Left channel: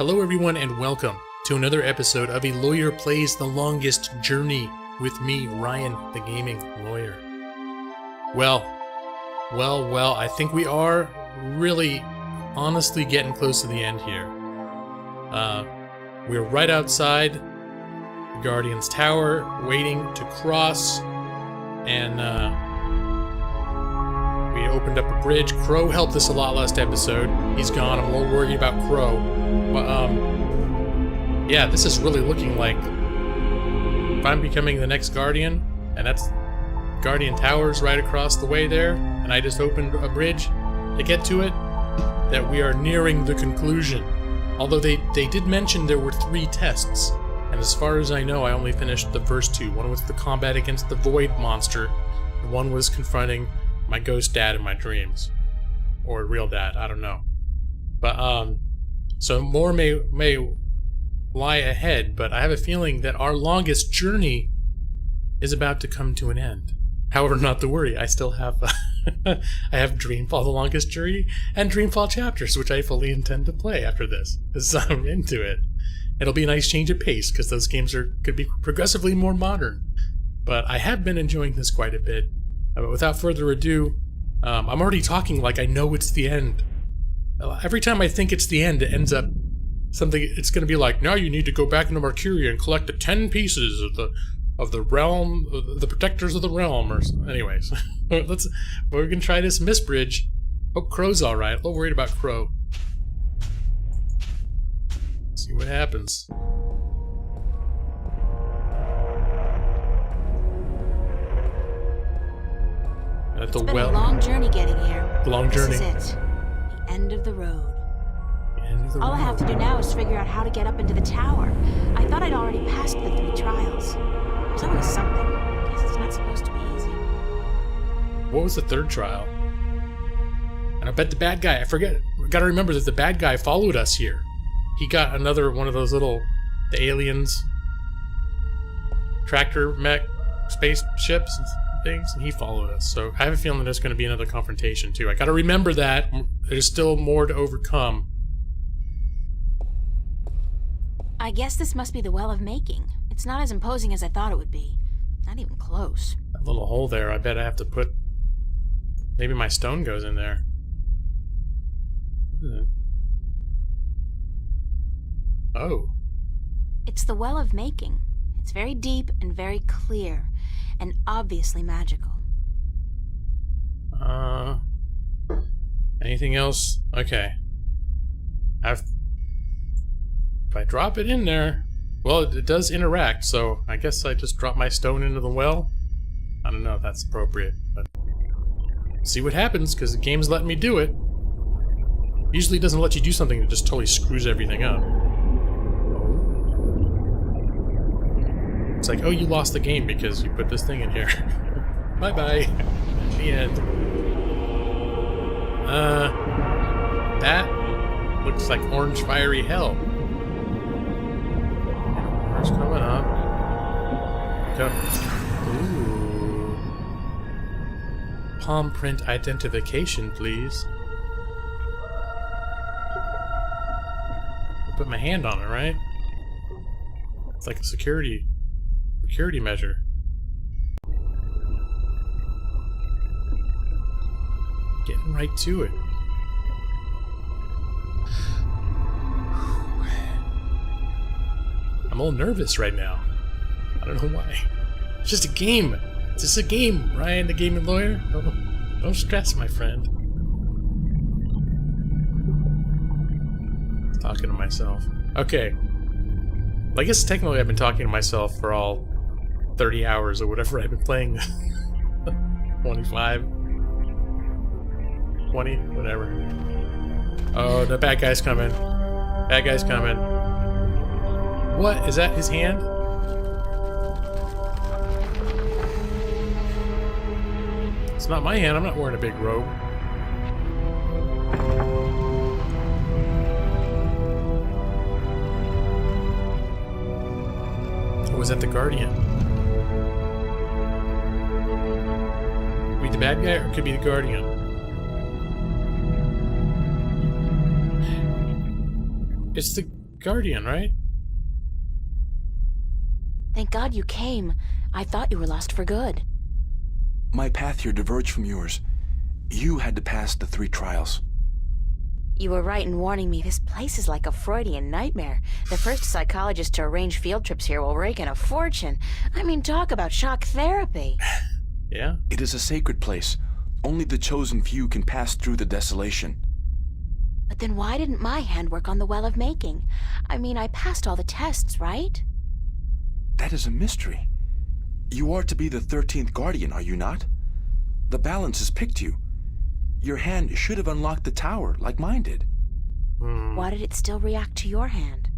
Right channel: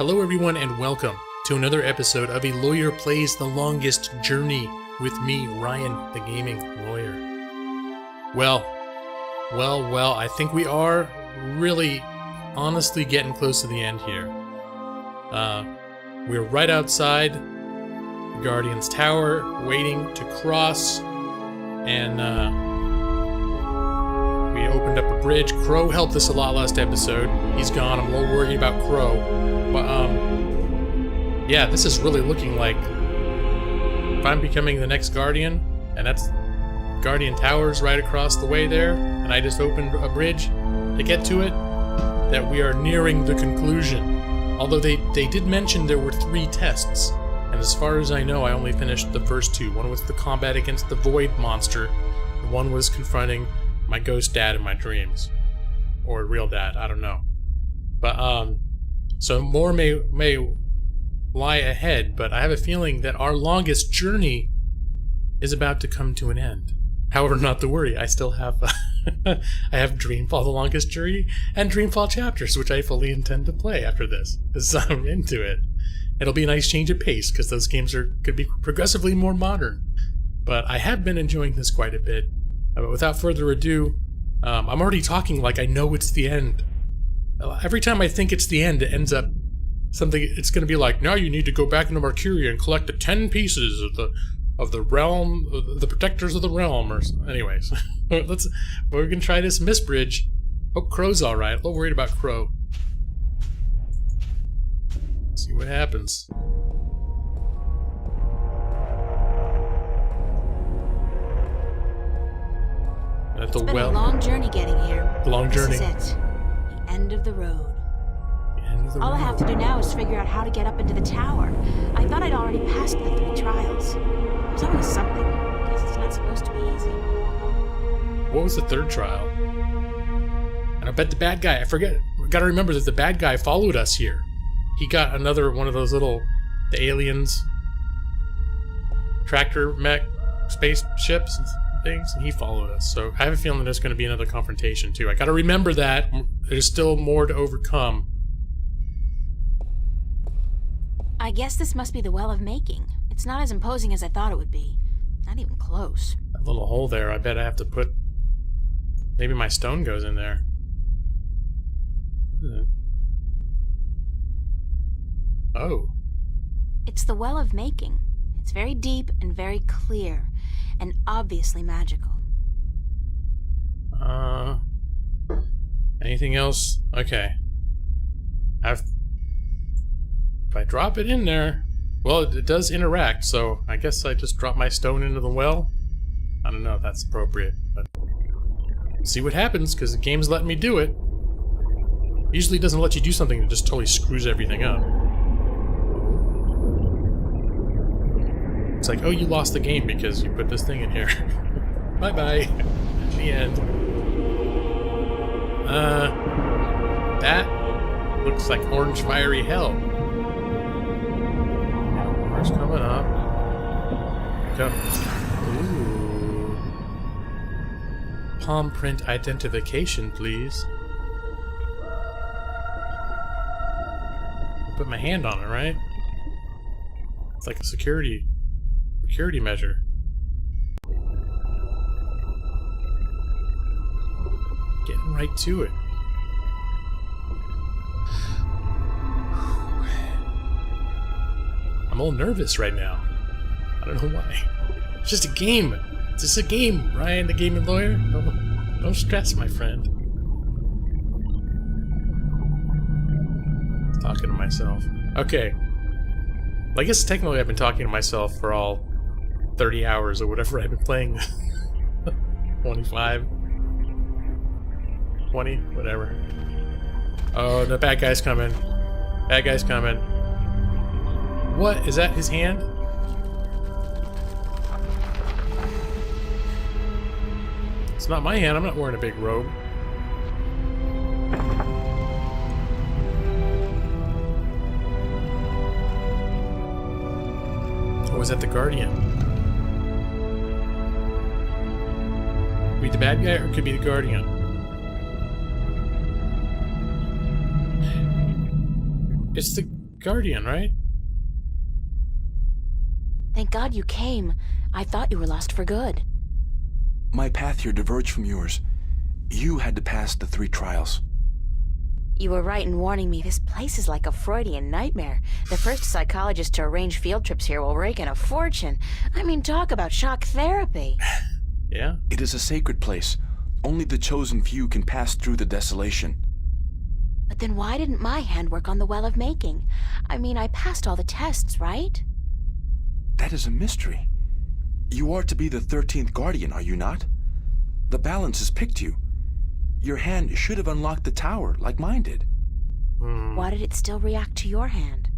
Hello everyone and welcome to another episode of A Lawyer Plays the Longest Journey with me, Ryan, the gaming lawyer. Well, I think we are really honestly getting close to the end here. We're right outside the Guardian's Tower, waiting to cross, and we opened up a bridge. Crow helped us a lot last episode. He's gone. I'm a little worried about Crow. But, yeah, this is really looking like if I'm becoming the next Guardian, and that's Guardian Towers right across the way there, and I just opened a bridge to get to it, that we are nearing the conclusion. Although they did mention there were 3 tests, and as far as I know, I only finished the first 2. One was the combat against the Void monster, and one was confronting my ghost dad in my dreams. Or real dad, I don't know. But, so more may lie ahead, but I have a feeling that our longest journey is about to come to an end. However, not to worry, I still have I have Dreamfall: The Longest Journey and Dreamfall Chapters, which I fully intend to play after this, because I'm into it. It'll be a nice change of pace, because those games could be progressively more modern. But I have been enjoying this quite a bit. But without further ado, I'm already talking like I know it's the end. Every time I think it's the end, it ends up something. It's going to be like, now you need to go back into Mercuria and collect the 10 pieces of the realm, the protectors of the realm. Or anyways, we're going to try this Mist Bridge. Hope Crow's all right. A little worried about Crow. See what happens. At the It's been well. a long journey getting here. The long journey. This is it. The end of the road. The end of the All I road. have to do now is figure out how to get up into the tower. I thought I'd already passed the 3 trials. There's always something. Guess it's not supposed to be easy. What was the 3rd trial? And I bet the bad guy, I forget, gotta remember that the bad guy followed us here. He got another one of those the aliens, tractor mech spaceships and things, and he followed us. So I have a feeling there's going to be another confrontation too. I gotta remember that. There's still more to overcome. I guess this must be the Well of Making. It's not as imposing as I thought it would be. Not even close. That little hole there, I bet I have to put... Maybe my stone goes in there. Oh. It's the Well of Making. It's very deep and very clear, and obviously magical. Anything else? Okay. If I drop it in there... Well, it does interact, so I guess I just drop my stone into the well? I don't know if that's appropriate, but... See what happens, because the game's letting me do it. Usually it doesn't let you do something that just totally screws everything up. Oh. It's like, oh, you lost the game because you put this thing in here. Bye-bye. The end. That looks like orange fiery hell. Water's coming up. Go. Ooh. Palm print identification, please. I'll put my hand on it, right? It's like a security measure. Getting right to it. I'm a little nervous right now. I don't know why. It's just a game. It's just a game, Ryan, the gaming lawyer. Don't stress, my friend. Talking to myself. Okay. Well, I guess technically I've been talking to myself for all 30 hours or whatever I've been playing. 25. 20, whatever. Oh, the bad guy's coming. Bad guy's coming. What? Is that his hand? It's not my hand. I'm not wearing a big robe. Or was that the Guardian? Could be the bad guy or it could be the Guardian. It's the guardian, right? Thank God you came. I thought you were lost for good. My path here diverged from yours. You had to pass the 3 trials. You were right in warning me. This place is like a Freudian nightmare. The first psychologist to arrange field trips here will rake in a fortune. I mean, talk about shock therapy. Yeah. It is a sacred place. Only the chosen few can pass through the desolation. But then why didn't my hand work on the Well of Making? I mean, I passed all the tests, right? That is a mystery. You are to be the 13th Guardian, are you not? The balance has picked you. Your hand should have unlocked the tower, like mine did. Why did it still react to your hand?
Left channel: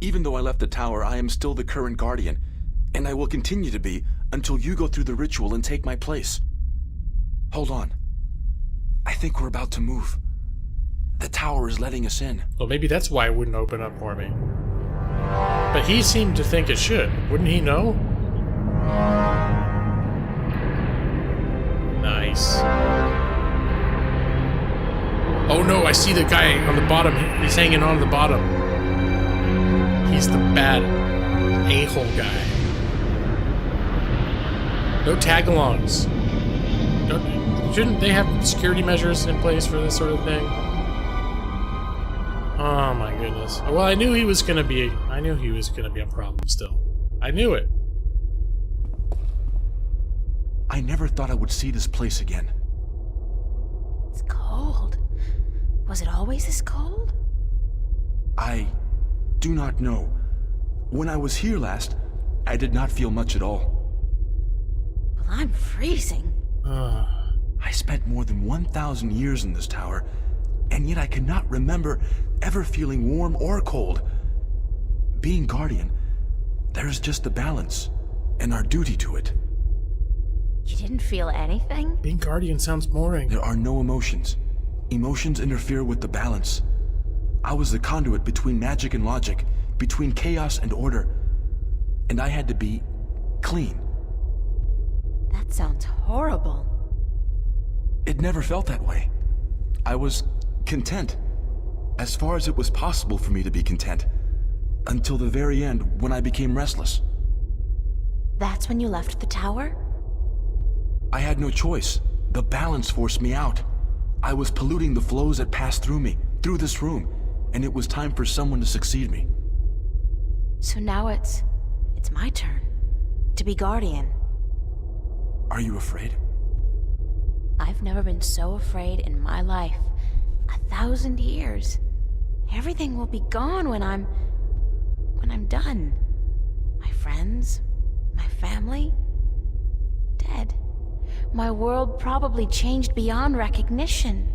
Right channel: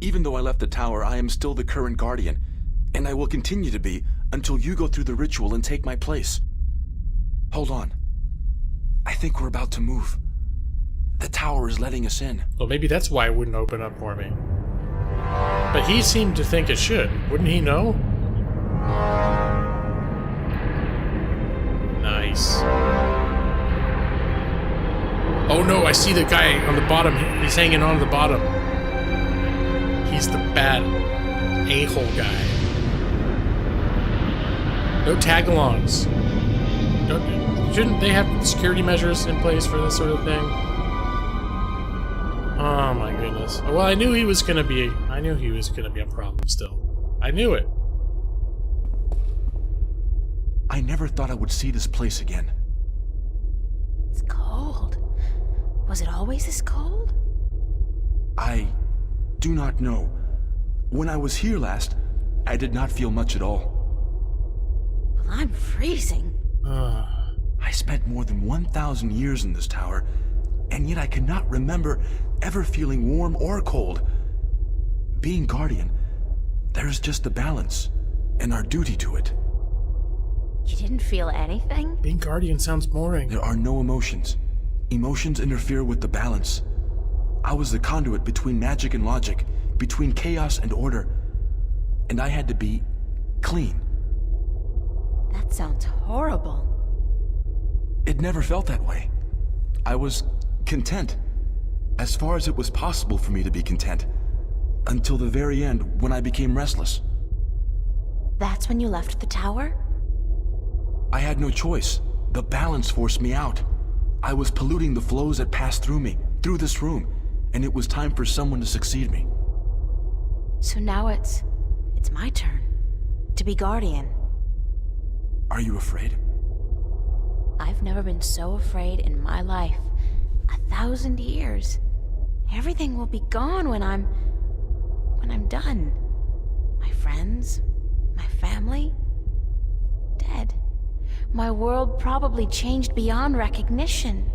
Even though I left the tower, I am still the current Guardian, and I will continue to be until you go through the ritual and take my place. Hold on. I think we're about to move. The tower is letting us in. Well, maybe that's why it wouldn't open up for me. But he seemed to think it should. Wouldn't he know? Nice. Oh no, I see the guy on the bottom. He's hanging on the bottom. He's the bad a-hole guy. No tag-alongs. Shouldn't they have security measures in place for this sort of thing? Oh my goodness. Well, I knew he was gonna be a problem still. I knew it. I never thought I would see this place again. It's cold. Was it always this cold? I do not know. When I was here last, I did not feel much at all. Well, I'm freezing. I spent more than 1,000 years in this tower, and yet I cannot remember ever feeling warm or cold. Being Guardian, there is just the balance, and our duty to it. You didn't feel anything? Being Guardian sounds boring. There are no emotions. Emotions interfere with the balance. I was the conduit between magic and logic, between chaos and order, and I had to be clean. That sounds horrible. It never felt that way. I was content, as far as it was possible for me to be content, until the very end when I became restless. That's when you left the tower? I had no choice. The balance forced me out. I was polluting the flows that passed through me, through this room, and it was time for someone to succeed me. So now it's my turn to be Guardian. Are you afraid? I've never been so afraid in my life. 1,000 years. Everything will be gone when I'm done. My friends, my family, dead. My world probably changed beyond recognition.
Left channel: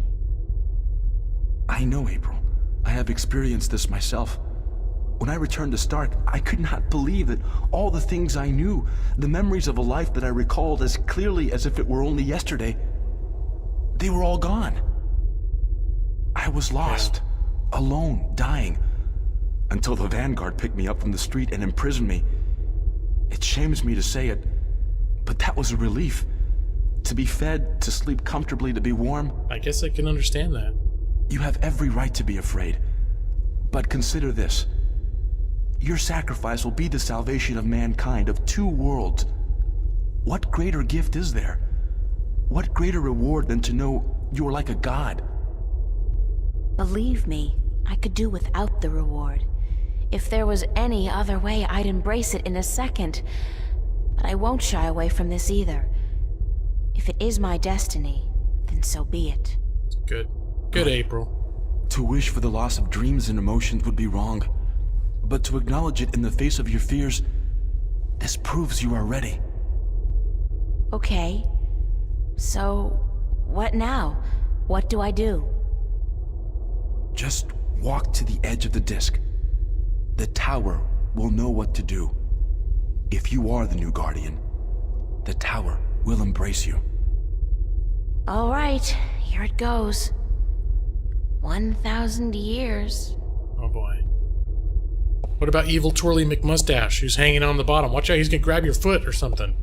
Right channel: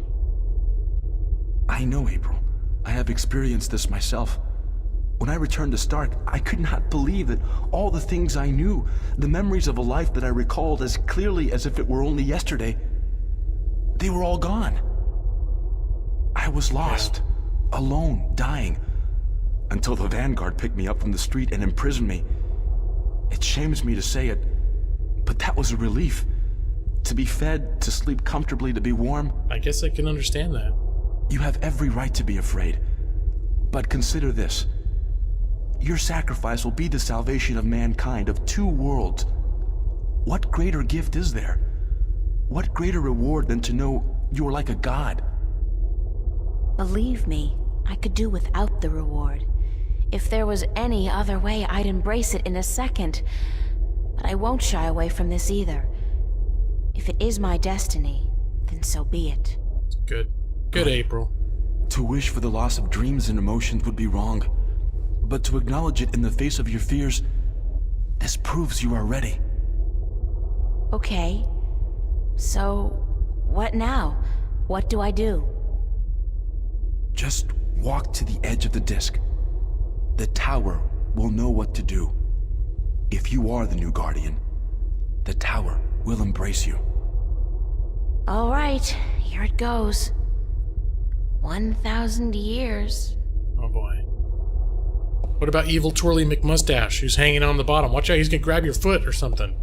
I know, April. I have experienced this myself. When I returned to Stark, I could not believe that all the things I knew, the memories of a life that I recalled as clearly as if it were only yesterday, they were all gone. I was lost, alone, dying, until the Vanguard picked me up from the street and imprisoned me. It shames me to say it, but that was a relief. To be fed, to sleep comfortably, to be warm. I guess I can understand that. You have every right to be afraid. But consider this. Your sacrifice will be the salvation of mankind, of 2 worlds. What greater gift is there? What greater reward than to know you are like a god? Believe me, I could do without the reward. If there was any other way, I'd embrace it in a second. But I won't shy away from this either. If it is my destiny, then so be it. Good. Good, April. To wish for the loss of dreams and emotions would be wrong. But to acknowledge it in the face of your fears, this proves you are ready. Okay. So, what now? What do I do? Just walk to the edge of the disc. The tower will know what to do. If you are the new Guardian, the tower will embrace you. All right, here it goes. 1,000 years. Oh boy. What about evil Twirly McMustache, who's hanging on the bottom? Watch out, he's gonna grab your foot or something.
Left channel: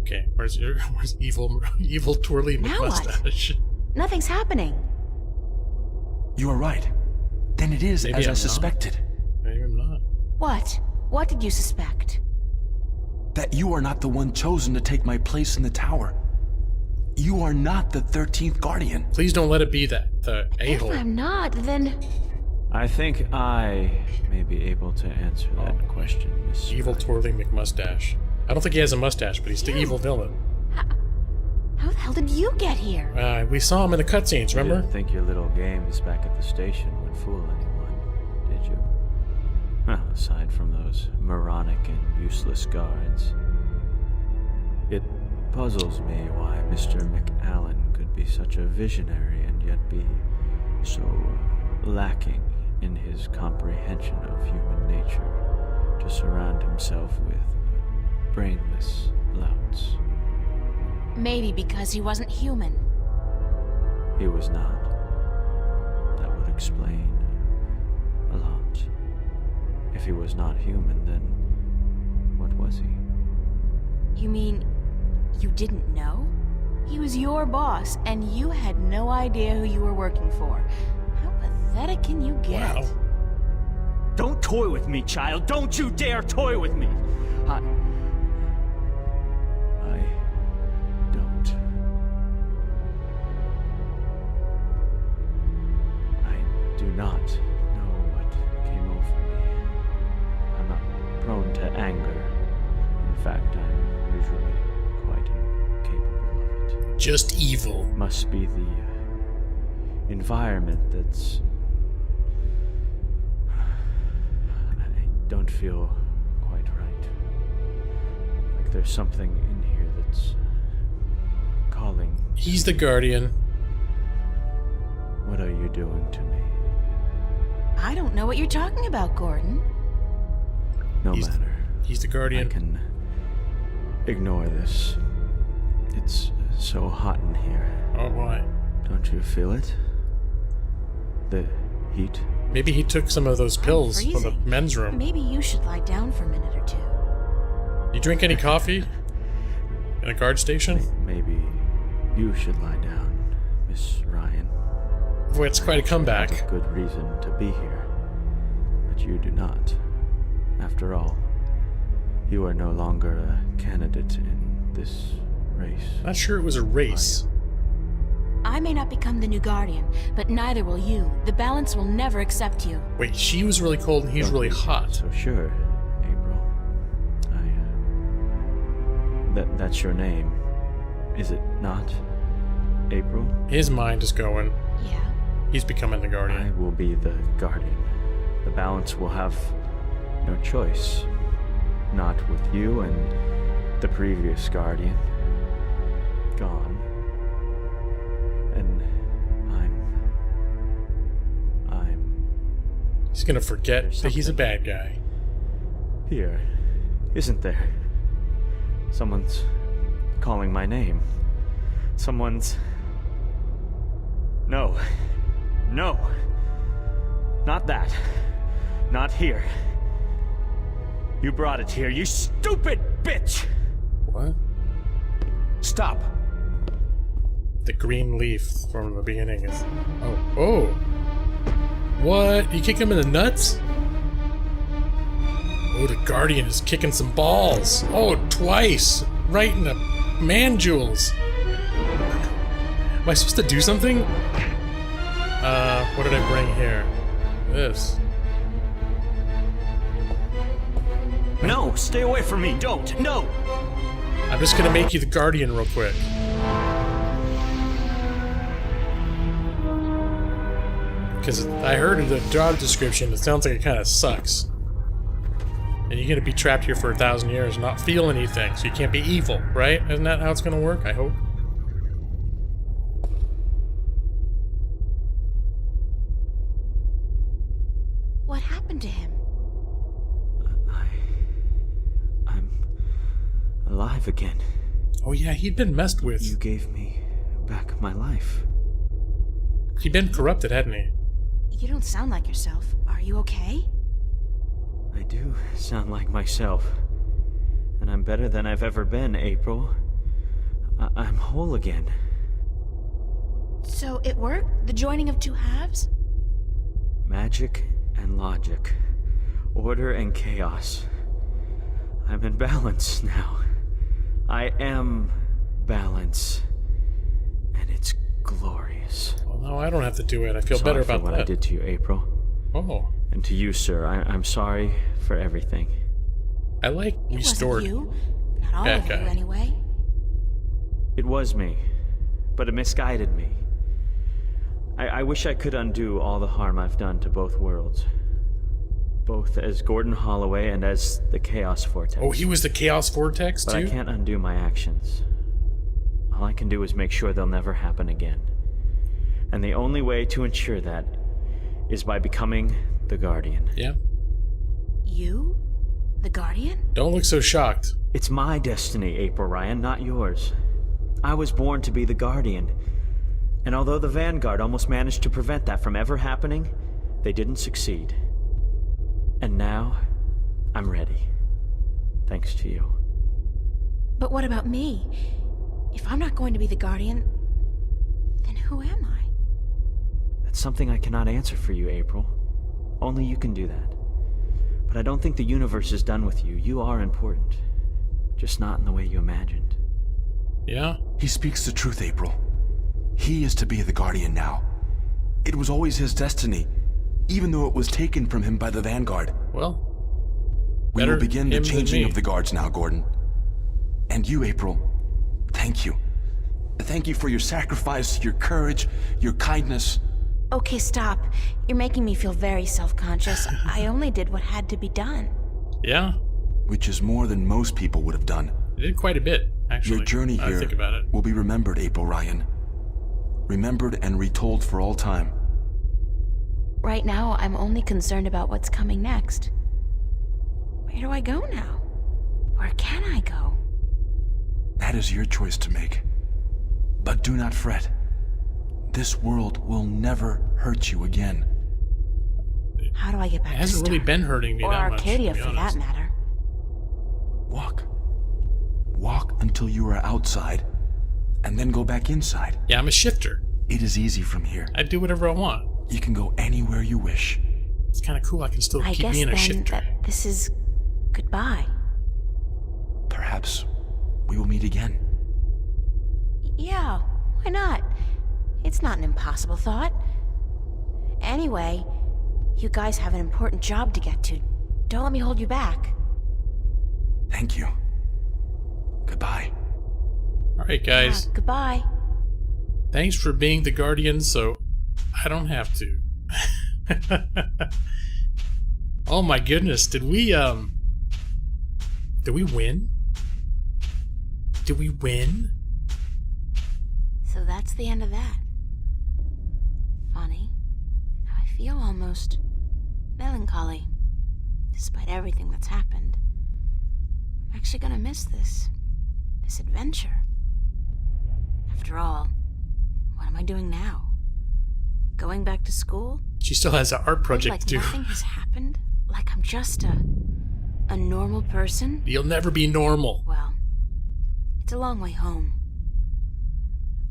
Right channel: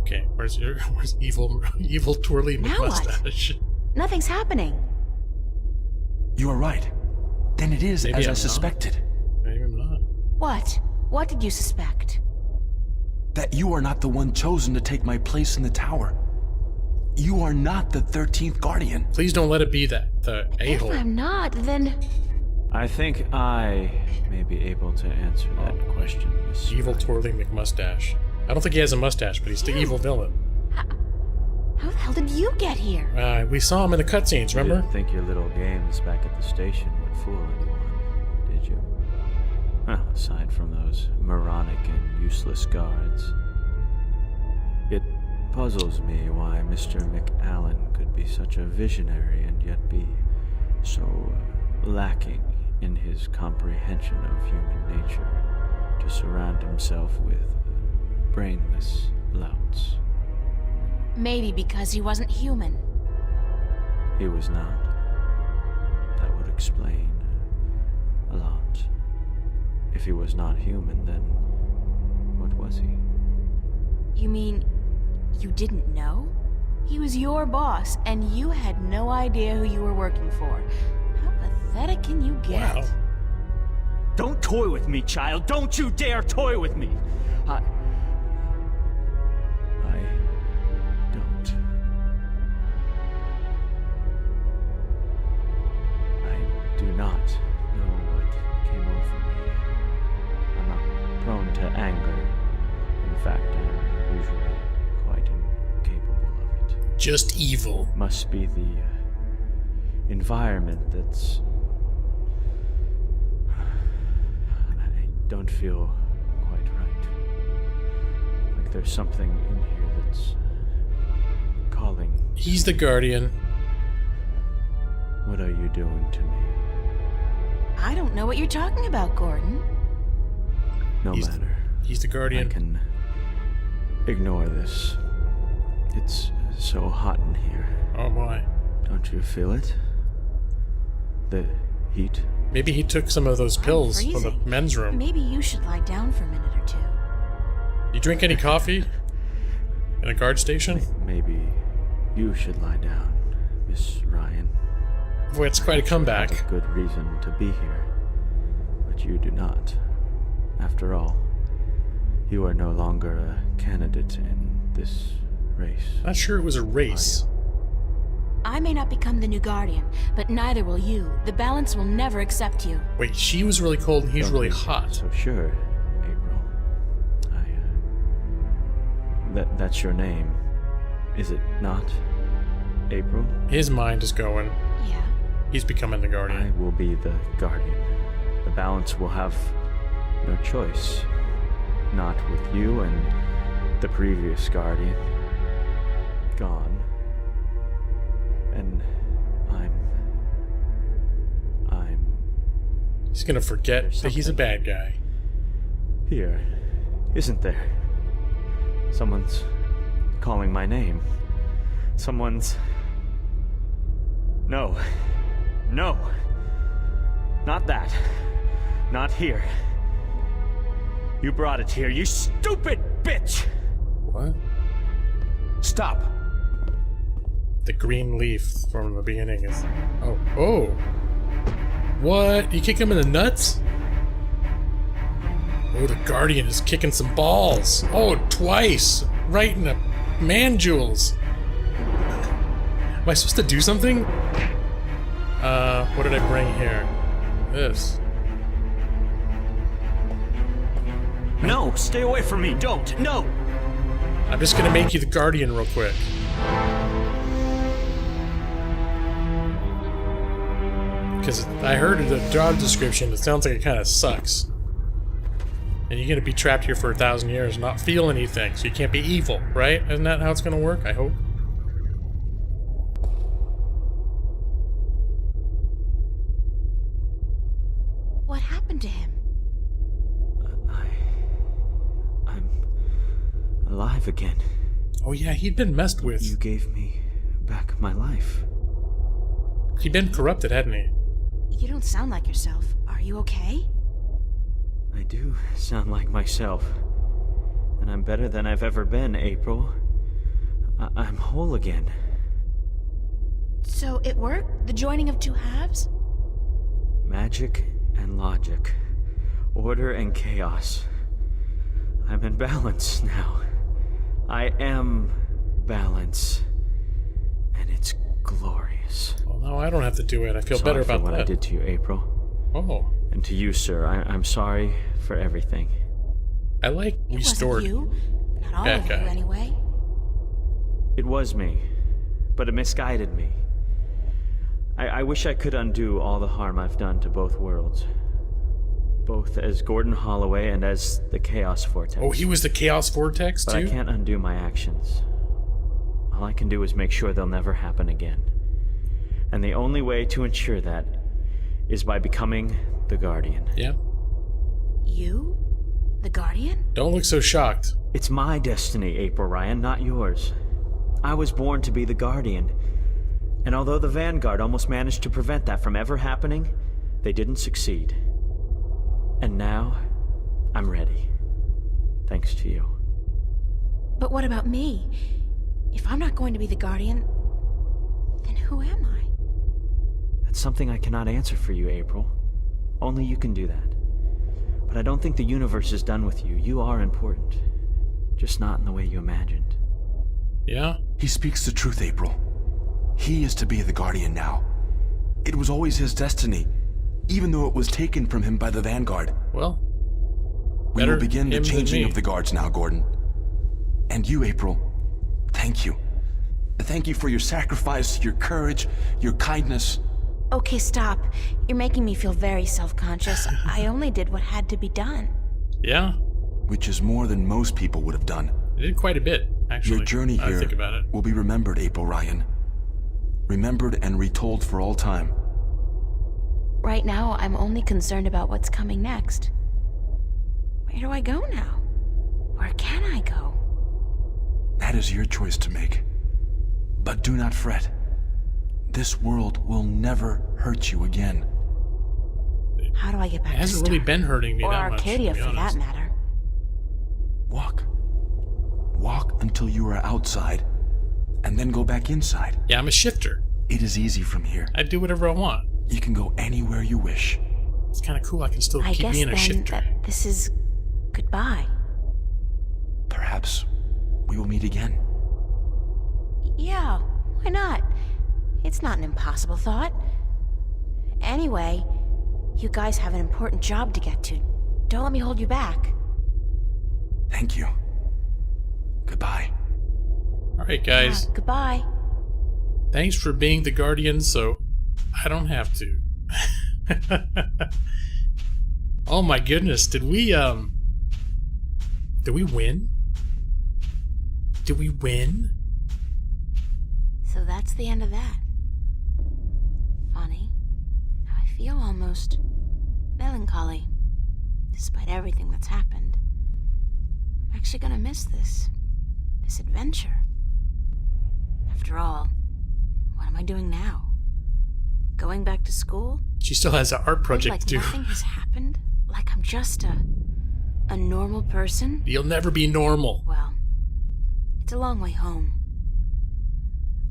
Okay, where's evil Twirly Now what? McMustache? Nothing's happening. You are right. Then it is Maybe as I'm I not. suspected. Maybe I'm not. What? What did you suspect? That you are not the one chosen to take my place in the tower. You are not the 13th Guardian. Please don't let it be that, the If a-hole. I'm not, then... I think I may be able to answer that question, Miss Evil Ryan. twirling McMustache. I don't think he has a mustache, but he's the evil villain. How the hell did you get here? We saw him in the cutscenes, You remember? didn't think your little games back at the station would fool anyone, did you? Well, aside from those moronic and useless guards. It puzzles me why Mr. McAllen could be such a visionary and yet be so lacking in his comprehension of human nature to surround himself with brainless louts. Maybe because he wasn't human. He was not. That would explain a lot. If he was not human, then what was he? You mean you didn't know? He was your boss, and you had no idea who you were working for. How pathetic can you get? Wow. Don't toy with me, child. Don't you dare toy with me. I don't. I do not know what came over me. I'm not prone to anger. In fact, I'm usually quite incapable of it. Just evil. Must be the environment that's... I don't feel quite right. Like there's something in here that's calling. He's the Guardian. What are you doing to me? I don't know what you're talking about, Gordon. No He's- matter. He's the I Guardian. can ignore this. It's so hot in here. Oh boy. Don't you feel it? The heat? Maybe he took some of those I'm pills from the freezing. men's room. Maybe you should lie down for a minute or two. You drink any coffee? In a guard station? Maybe you should lie down, Miss Ryan. Boy, it's quite a I comeback. have a good reason to be here, but you do not. After all, you are no longer a candidate in this race. Not sure it was a race. I may not become the new Guardian, but neither will you. The balance will never accept you. Wait, she was really cold and he's Don't really be hot. So sure, April. That's your name, is it not? April? His mind is going. Yeah. He's becoming the I Guardian. will be the Guardian. The balance will have no choice. Not with you and the previous Guardian gone. And I'm He's gonna forget There's that he's a something. bad guy. here, isn't there? Someone's calling my name. Someone's... No. No. Not that. Not here. You brought it here, you stupid bitch! What? Stop! The green leaf from the beginning is... Oh. Oh! What? You kick him in the nuts? Oh, the Guardian is kicking some balls. Oh, twice! Right in the man-jewels. Am I supposed to do something? What did I bring here? This. No, stay away from me. Don't. No. I'm just gonna make you the Guardian real quick. Because I heard in the job description, it sounds like it kind of sucks. And you're gonna be trapped here for 1,000 years and not feel anything, so you can't be evil, right? Isn't that how it's gonna work? I hope. What happened to him? I'm alive again. Oh yeah, he'd been messed You with. gave me back my life. He'd been corrupted, hadn't he? You don't sound like yourself. Are you okay? I do sound like myself. And I'm better than I've ever been, April. I'm whole again. So it worked? The joining of two halves? Magic and logic. Order and chaos. I'm in balance now. I am balance. And it's glorious. Well, no, I don't have to do it. I feel better about what that. I did to you, April. Oh. And to you, sir, I'm sorry for everything. I like It restored. wasn't you. Not all Bad of guy. you, anyway. It was me, but it misguided me. I wish I could undo all the harm I've done to both worlds. Both as Gordon Holloway and as the Chaos Vortex. Oh, he was the Chaos Vortex, But too? I can't undo my actions. All I can do is make sure they'll never happen again. And the only way to ensure that is by becoming the Guardian. Yeah. You? The Guardian? Don't look so shocked. It's my destiny, April Ryan, not yours. I was born to be the Guardian. And although the Vanguard almost managed to prevent that from ever happening, they didn't succeed. And now, I'm ready. Thanks to you. But what about me? If I'm not going to be the Guardian, then who am I? That's something I cannot answer for you, April. Only you can do that. But I don't think the universe is done with you. You are important. Just not in the way you imagined. Yeah? He speaks the truth, April. He is to be the Guardian now. It was always his destiny, even though it was taken from him by the Vanguard. Well, We better will begin the him than changing me. of the guards now, Gordon. And you, April, thank you. Thank you for your sacrifice, your courage, your kindness. Okay, stop. You're making me feel very self-conscious. I only did what had to be done. Yeah? Which is more than most people would have done. It did quite a bit, actually. Your journey I here think about it. will be remembered, April Ryan. Remembered and retold for all time. Right now, I'm only concerned about what's coming next. Where do I go now? Where can I go? That is your choice to make. But do not fret. This world will never hurt you again. How do I get back It to hasn't Star? really been hurting me Or that much, to Arcadia, be for that honest. matter. Walk. Walk until you are outside, and then go back inside. Yeah, I'm a shifter. It is easy from here. I do whatever I want. You can go anywhere you wish. It's kind of cool. I can still I keep guess being a then shifter. that this is goodbye. Perhaps we will meet again. Yeah, why not? It's not an impossible thought. Anyway, you guys have an important job to get to. Don't let me hold you back. Thank you. Goodbye. All right, guys. Yeah, goodbye. Thanks for being the Guardian, so I don't have to. Oh my goodness, did we win? Did we win? So that's the end of that. Funny. I feel almost melancholy, despite everything that's happened. I'm actually gonna miss this adventure. After all, what am I doing now? Going back to school? She still has an art project Like to do. nothing has happened? Like I'm just a normal person? You'll never be normal. Well, it's a long way home.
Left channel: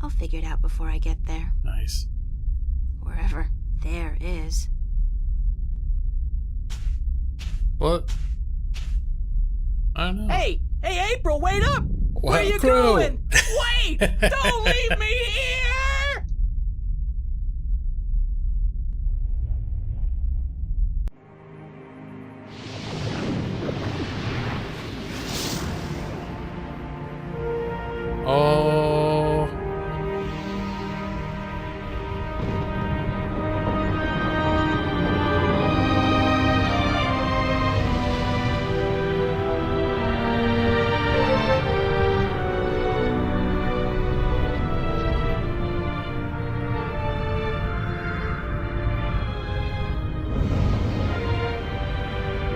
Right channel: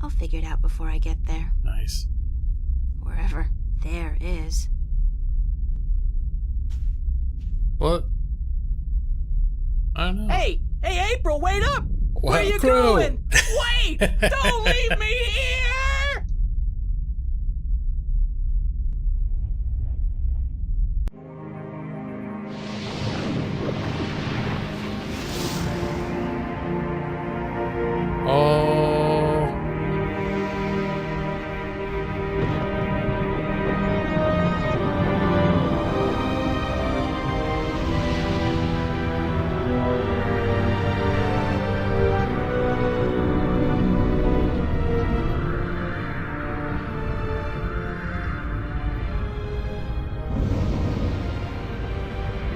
I'll figure it out before I get there. Nice. Wherever there is. What? I don't know. Hey, April, wait up! Where Wow, you Crow. going? Wait! Don't leave me here! Oh.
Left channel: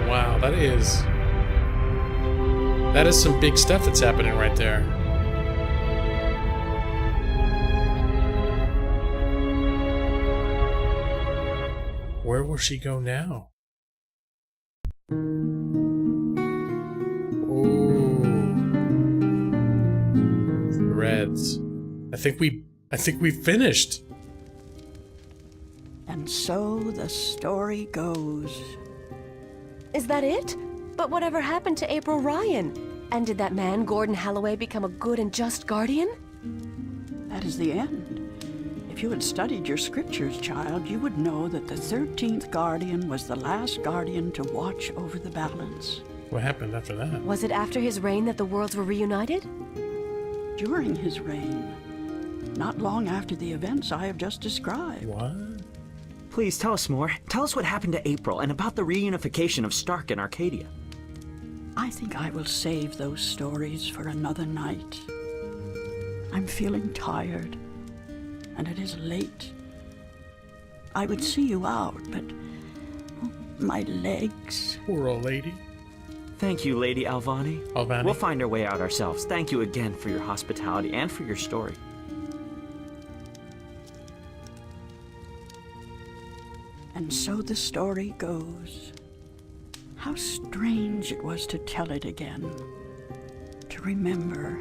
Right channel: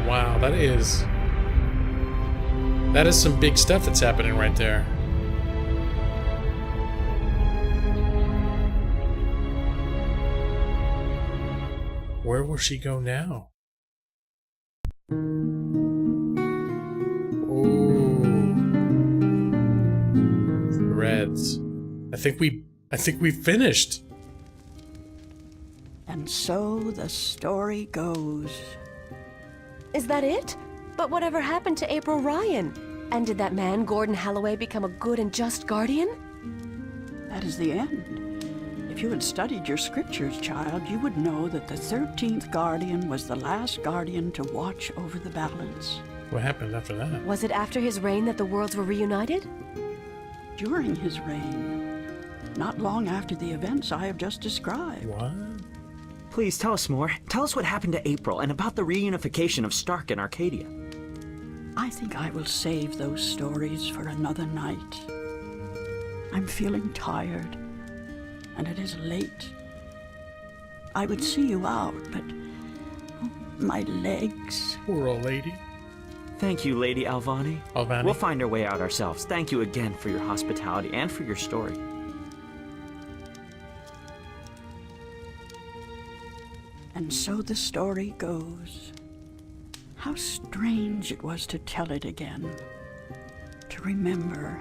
Wow, that is some big stuff that's happening right there. Where will she go now? Ooh. Threads. I think we finished. And so the story goes. Is that it? But whatever happened to April Ryan? And did that man, Gordon Holloway, become a good and just guardian? That is the end. If you had studied your scriptures, child, you would know that the 13th guardian was the last guardian to watch over the balance. What happened after that? Was it after his reign that the worlds were reunited? During his reign, not long after the events I have just described. What? Please tell us more. Tell us what happened to April and about the reunification of Stark and Arcadia. I think I will save those stories for another night. I'm feeling tired, and it is late. I would see you out, but my legs. Poor old lady. Thank you, Lady Alvani. Alvani. We'll find our way out ourselves. Thank you again for your hospitality and for your story. And so the story goes. How strange it was to tell it again. To remember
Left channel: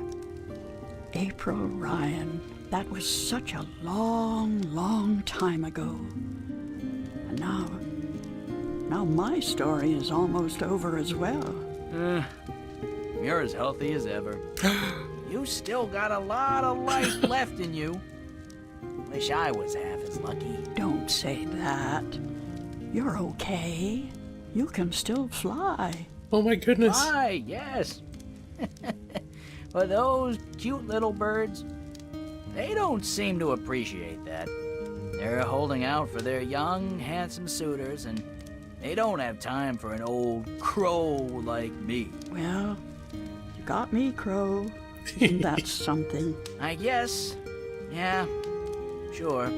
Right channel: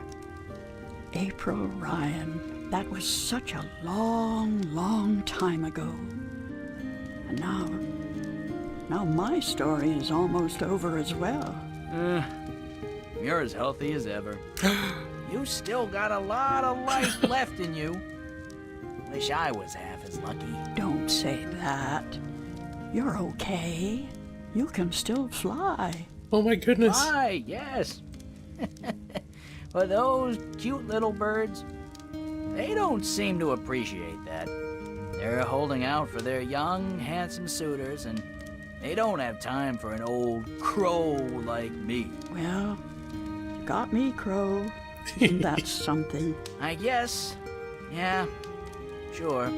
April Ryan. That was such a long, long time ago. And now my story is almost over as well. You're as healthy as ever. You still got a lot of life left in you. Wish I was half as lucky. Don't say that. You're okay. You can still fly. Oh my goodness. Why, yes. But those cute little birds, they don't seem to appreciate that. They're holding out for their young, handsome suitors, and they don't have time for an old crow like me. Well, you got me, Crow. Isn't that something? I guess. Yeah, sure.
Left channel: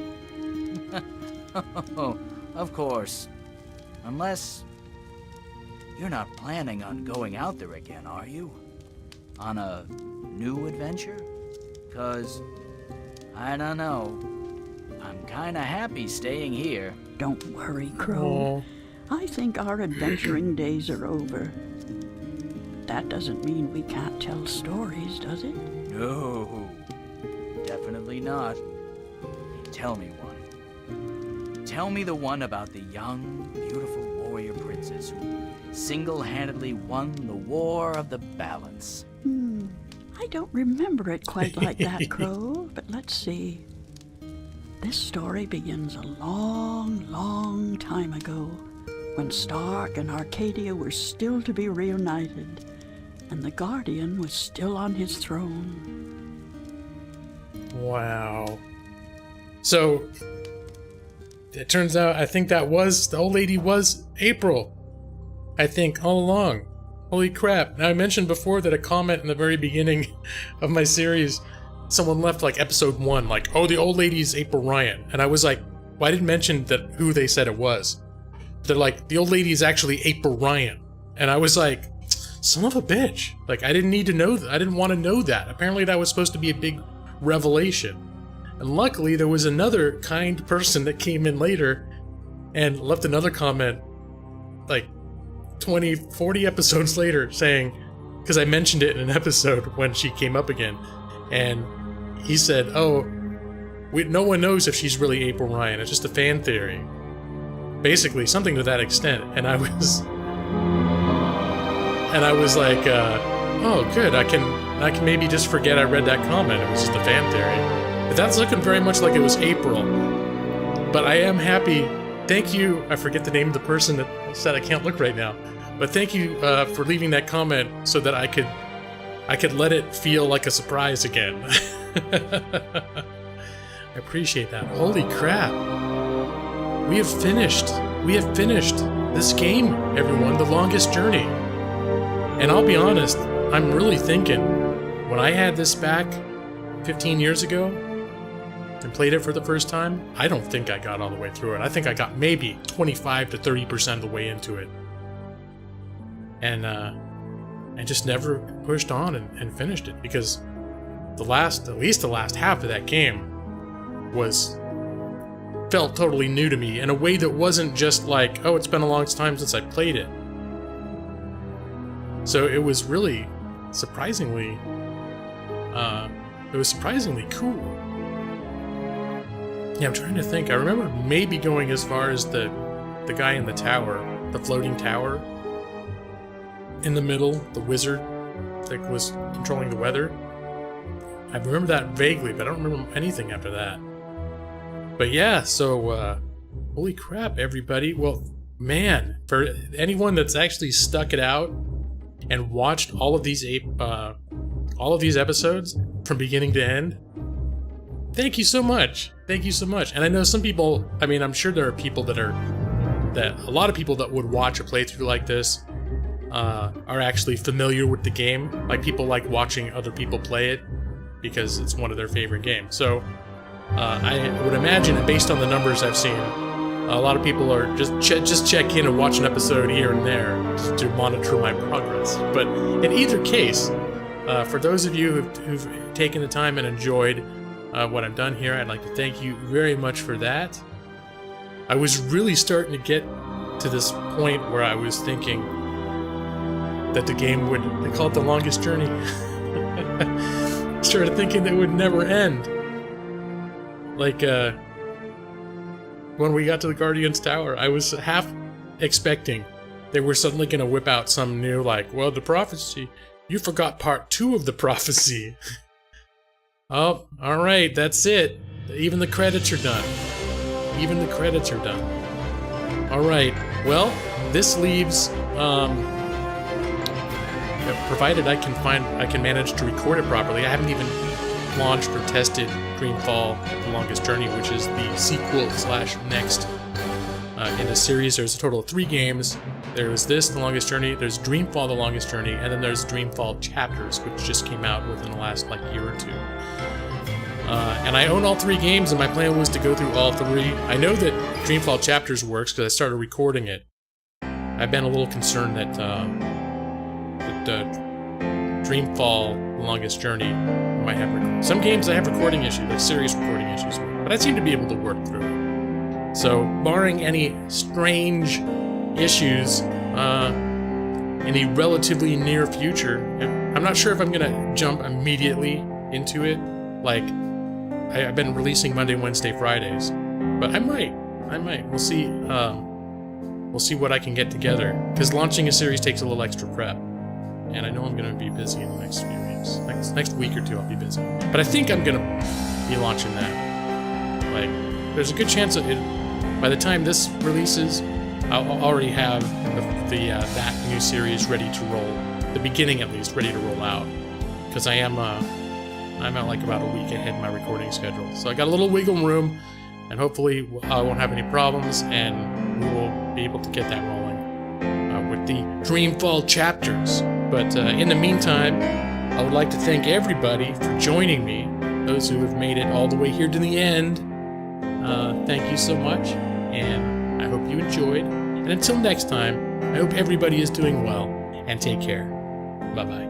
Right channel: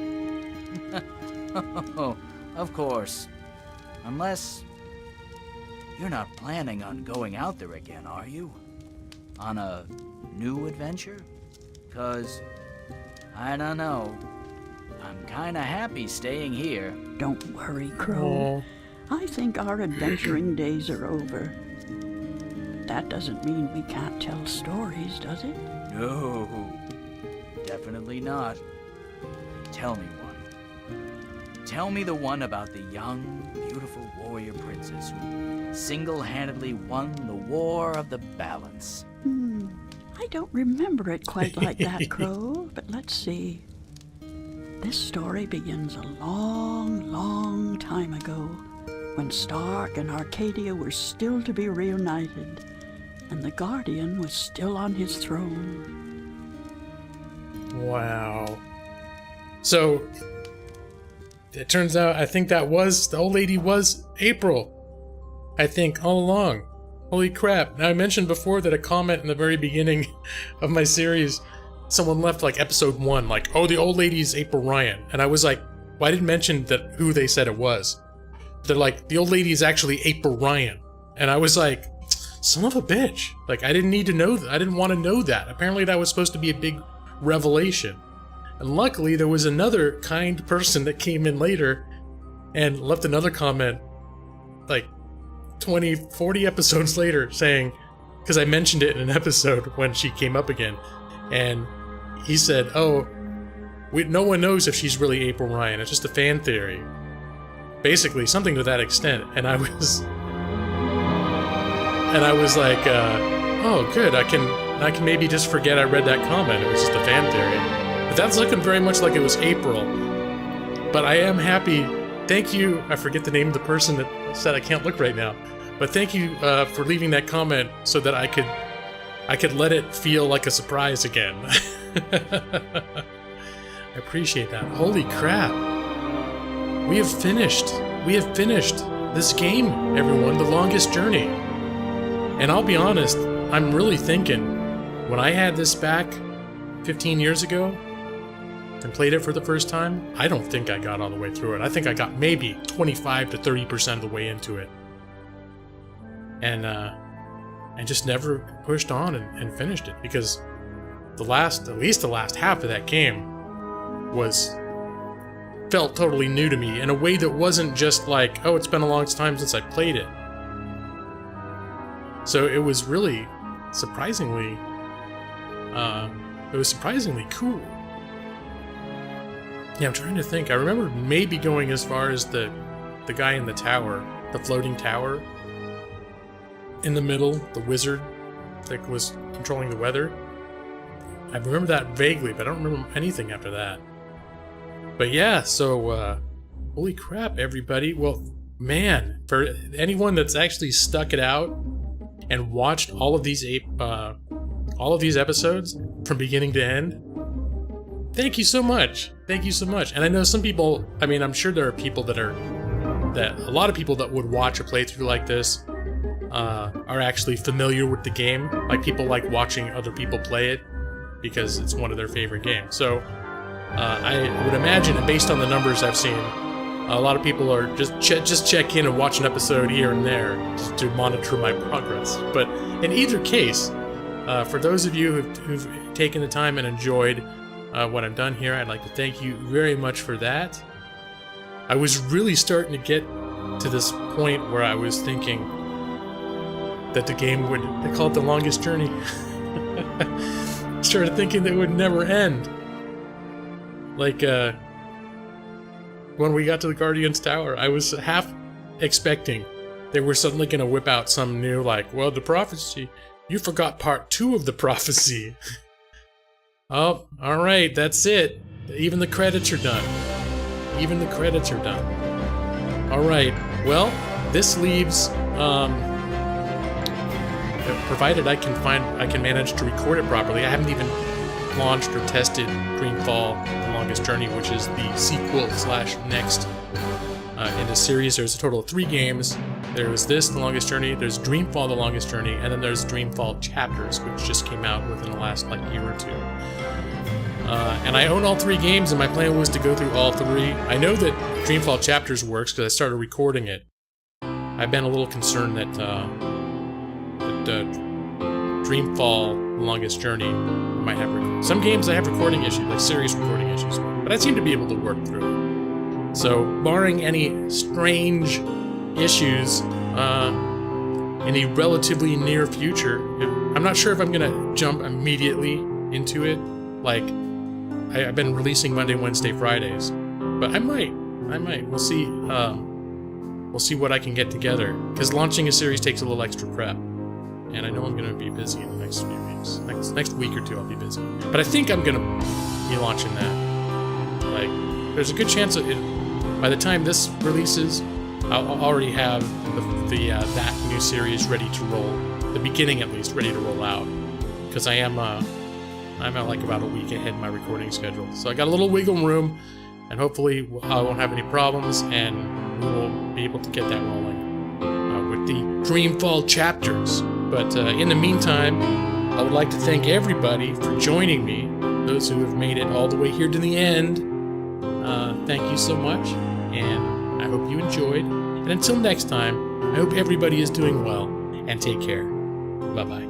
Of course. Unless you're not planning on going out there again, are you? On a new adventure? 'Cause, I don't know. I'm kinda happy staying here. Don't worry, Crow. I think our adventuring days are over. But that doesn't mean we can't tell stories, does it? No, definitely not. Tell me one. Tell me the one about the young, beautiful warrior princess who single-handedly won the War of the Balance. I don't remember it quite like that, Crow, but let's see. This story begins a long, long time ago, when Stark and Arcadia were still to be reunited, and the Guardian was still on his throne. Wow. So, it turns out, I think the old lady was April. I think, all along. Holy crap. Now, I mentioned before that a comment in the very beginning of my series, someone left, like, episode 1, like, oh, the old lady's April Ryan. And I was like, well, I didn't mention who they said it was. They're like, the old lady is actually April Ryan. And I was like, son of a bitch. Like, I didn't need to know that. I didn't want to know that. Apparently that was supposed to be a big revelation. And luckily, there was another kind person that came in later and left another comment, like, 20, 40 episodes later, saying, because I mentioned it in an episode when she came up again, and he said, oh, no one knows if she's really April Ryan, it's just a fan theory. Basically, something to that extent. And I was like, oh, good, I can maybe just forget I read that comment, it was just a fan theory. But that's looking very much like it was April. But I am happy. Thank you. I forget the name of the person that said I can't look right now. But thank you for leaving that comment so that I could let it feel like a surprise again. I appreciate that. Holy crap. We have finished. We have finished this game, everyone. The longest journey. And I'll be honest, I'm really thinking, when I had this back 15 years ago, and played it for the first time, I don't think I got all the way through it. I think I got maybe 25 to 30% of the way into it. And just never pushed on and finished it, because at least the last half of that game felt totally new to me in a way that wasn't just like, oh, it's been a long time since I played it. So it was really surprisingly cool. Yeah, I'm trying to think. I remember maybe going as far as the guy in the tower, the floating tower. In the middle, the wizard that was controlling the weather. I remember that vaguely, but I don't remember anything after that. But yeah, so, holy crap, everybody. Well, man, for anyone that's actually stuck it out and watched all of these episodes from beginning to end, thank you so much. Thank you so much. And I know some people, I mean, I'm sure there are people that a lot of people that would watch a playthrough like this are actually familiar with the game. Like, people like watching other people play it because it's one of their favorite games. So I would imagine, based on the numbers I've seen, a lot of people are just check in and watch an episode here and there just to monitor my progress. But in either case, for those of you who've taken the time and enjoyed what I've done here, I'd like to thank you very much for that. I was really starting to get to this point where I was thinking that the game would, they call it the longest journey. Started thinking that it would never end. Like, when we got to the Guardian's Tower, I was half expecting they were suddenly going to whip out some new, like, well, the prophecy, you forgot part 2 of the prophecy. Oh, alright, that's it. Even the credits are done. Even the credits are done. Alright, well, this leaves, provided I can manage to record it properly. I haven't even launched or tested Dreamfall The Longest Journey, which is the sequel / next in the series. There's a total of 3 games. There's this, The Longest Journey, there's Dreamfall The Longest Journey, and then there's Dreamfall Chapters, which just came out within the last year or 2. And I own all 3 games, and my plan was to go through all 3. I know that Dreamfall Chapters works because I started recording it. I've been a little concerned that Dreamfall The Longest Journey might have some games I have recording issues, like serious recording issues with, but I seem to be able to work through it. So, barring any strange issues in the relatively near future, I'm not sure if I'm gonna jump immediately into it. Like, I've been releasing Monday, Wednesday, Fridays, but I might. We'll see. We'll see what I can get together, because launching a series takes a little extra prep. And I know I'm going to be busy in the next few weeks. Next week or 2 I'll be busy. But I think I'm going to be launching that. Like, there's a good chance that by the time this releases, I'll already have that new series ready to roll. The beginning, at least, ready to roll out. Because I'm at like about a week ahead in my recording schedule. So I got a little wiggle room, and hopefully I won't have any problems, and we will be able to get that rolling with the Dreamfall Chapters. But in the meantime, I would like to thank everybody for joining me. Those who have made it all the way here to the end, thank you so much, and I hope you enjoyed. And until next time, I hope everybody is doing well, and take care. Bye-bye.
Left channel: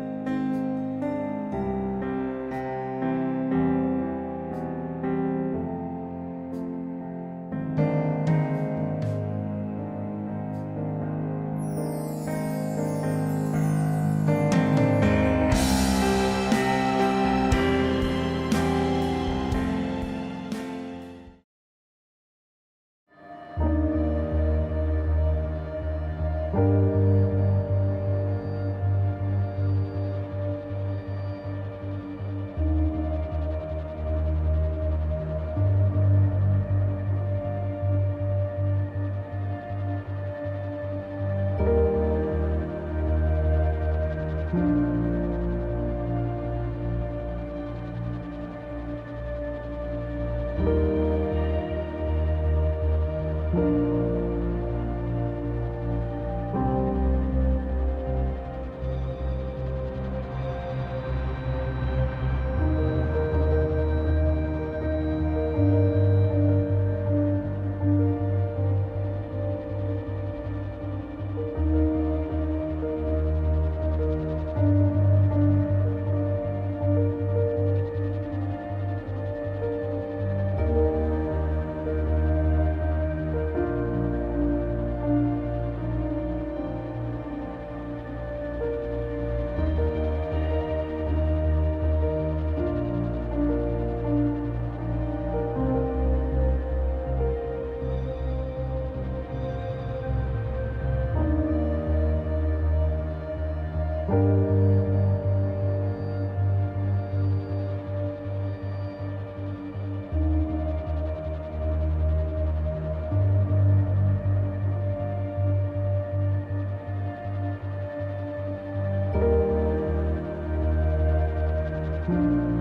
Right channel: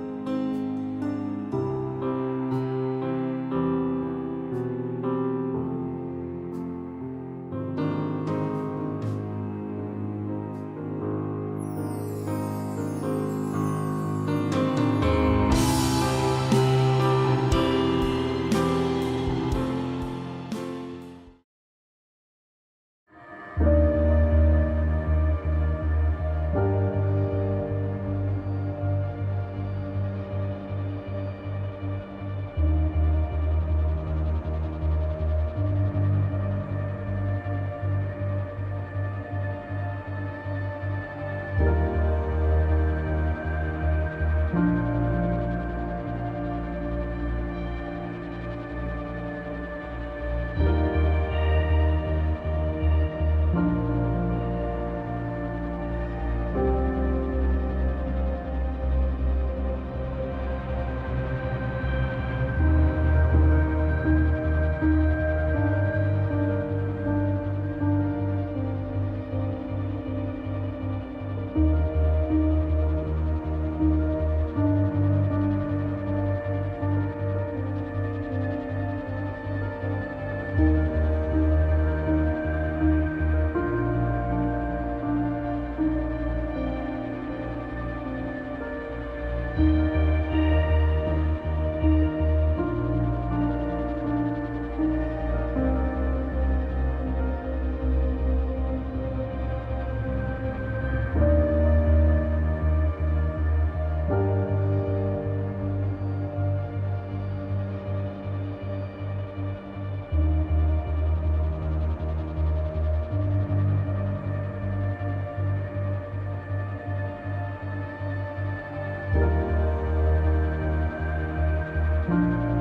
Bye.